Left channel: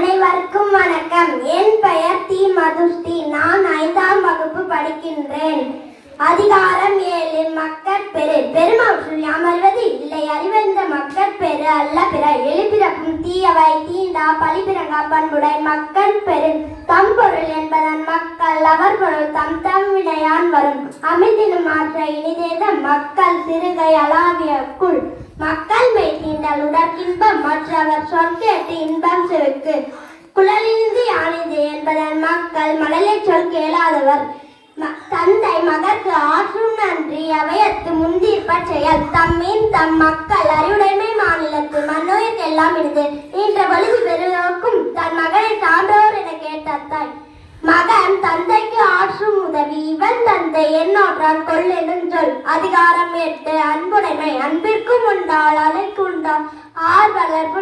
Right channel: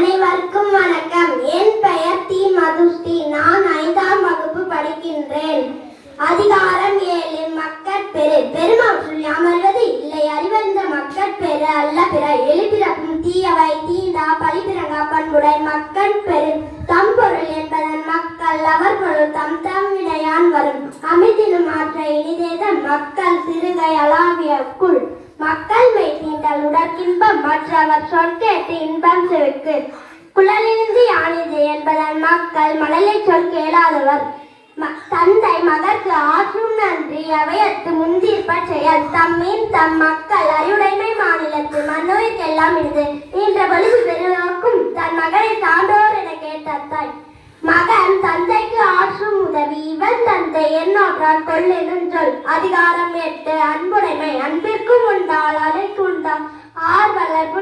அனைவருக்கும் வணக்கம். என் பெயர் தி மதுஸ்ரீ. நான் ஐந்தாம் வகுப்பு படிக்கின்றேன். அதிகாரம் ஏழு. மக்கட்பெரு பெரு அமர்வது இல்லை. அறிவந்த மக்கட்பெரு அல்ல. பிற எழுபிறப்பும் தீயவை. தீண்டா பழிபிறங்கா பண்புடை மக்கட்பெரு தம் பொருள் என்பதன் மக்கள். அவர் பொருள் தம் தம் வினையான் வரும். அமைதினும் மாற்ற இனிதேத மக்கள் சிறுகை அளாவியக்குள் மக்கள் மெய் தீண்டல் உடற்கின்பம் மற்றவர் சொல் கேட்டு இன்பம் செவிக்கு குழலிருந்து யானிது என்பதன் மக்கள் மணலை சொல் கேளாதவர். தந்தை மகற்கு ஆற்றும் நன்றி அவையத்து முந்திர் செயல். தம்மின் தம் மக்கள் அறிவுடைமை மாநிலத்து மன்னோய்க்கெல்லாம் இருந்து இன்ற பொழுது பெருக்கும் தன் மகனை சான்றோர் என கேட்ட தாய் மகன் தந்தைக்கு ஆற்றும் உதவி இவன் தந்தை என்னோற்றான் கொள்ளெனும் சொல். அதிகாரம் எட்டு அன்புடைமை அன்பிற்கும் உண்டால் அலைக்கு உண்டால் ஆர்வலர்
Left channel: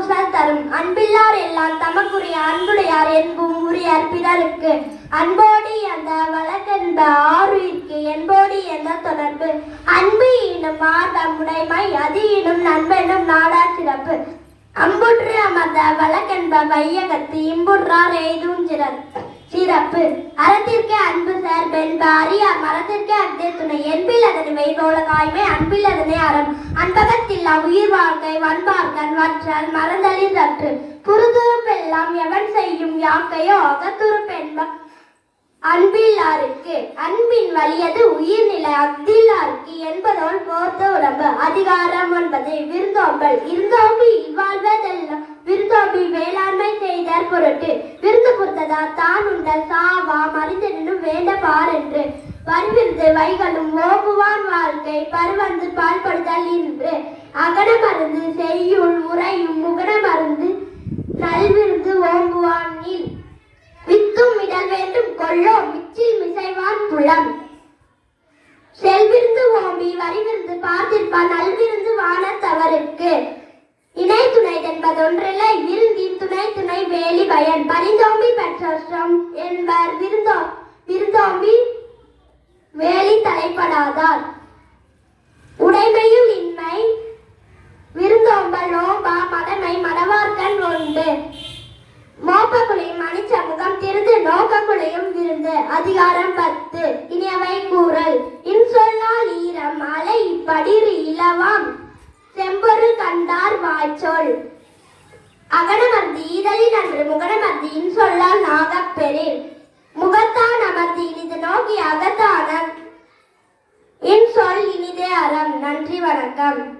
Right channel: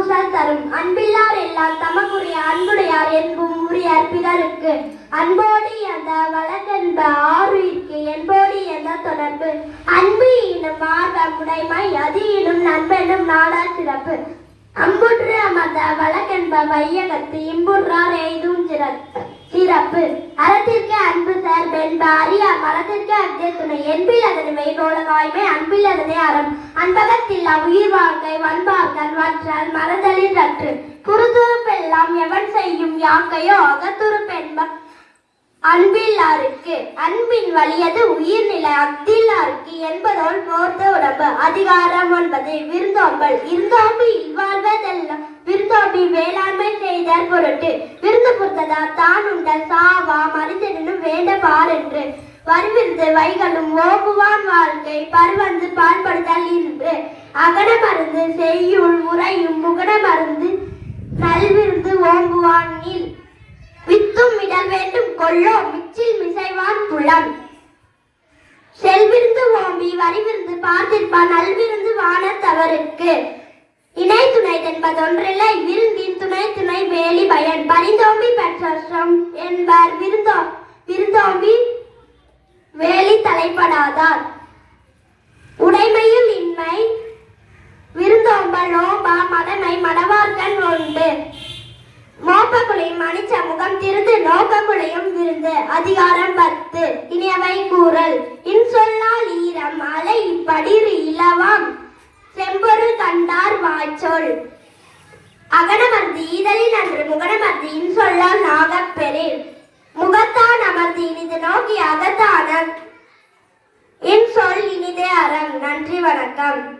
புன்கண்ணீர் தரும். அன்பில்லார் எல்லாம் தமக்குரிய அன்புடையார் என்பும் உரியார் பிறருக்கு அன்போடு அந்த வழக்கென்ப ஆறுயிர்க்கு என்போடு எந்த தொடர்பு. அன்பு இனும் ஆர்வம் உடைமை அது இனும் நண்பனும் நாடா சிறப்பு. அம்புற்று அமர்ந்த வழக்கென்ப வையகத்து இம்புற்றார் எய்தும் சிறப்பு சிறப்பு. அறத்திற்கு அன்பு சார் வெண்ப அறிய மரத்திற்கு அத்தே துணை. என்பில் அதனை மெய்போல வாய்மை அன்பில் அதனை அறம். அன்பகத்தில் உயிர் வாழ்க்கை வன்பார்கன் வற்றல் செய்யும் யாக்கையோ அகத்துரு அகத்துறுப்பென்ப அன்பில்லாருக்கு அன்பின் வலியது உயிர்நிலை அக்தில்லாருக்கு என்பதோல் போர்த்த உடம்பு அதிகாரம் ஒன்பது. விருந்தோம்பல். இருந்தோம்பி இவ்வாழ்வதெல்லாம் விருந்தோம்பி வேளாண்மை செய்தற் பொருட்டு. விருந்து புத்ததா தான் உண்டல் சாவா மனிதனும் வேண்ட பாரென்று வருவிருந்து வைகளும் ஓம்புவான் வாழ்க்கை பருவந்து பால்படுதல் இன்று. அகட மருந்து செய்யுள் உறையும் முகட மருந்து நல்விருந்து ஓம்புவான் நீல் வித்தும் இடல் வேண்டும் கொள்ளோ மிச்சில் மிசைவான் புலம் செல்விருந்து ஓம்பி வரிவிருந்து பார்த்திருப்பான் நல்விருந்து வான தவறுக்கு. இணை துணை என்பதொன்றில்லை விருந்தின் துணை துணை மோப்பக்குழியும் மணிச்ச முகம் திருந்து நோக்கக்குழியும் விருந்து அதிகாரம் பத்து. இனியவை கூறல். இன்சொல்லால் ஈரம் அலை இப்படிர் இளவாம் செம்பொருள் கண்டார் வாய்ச்சொல். அகனமர்ந்து ஈதலில் அன்று முகனமர்ந்து இன்சொல்லால் நாகப் பெறில் முகத்தான் அமர்ந்து இனிது நோக்கி அகத்தான இன்சொல் இனிதே அறம். நன்றி வணக்கம்.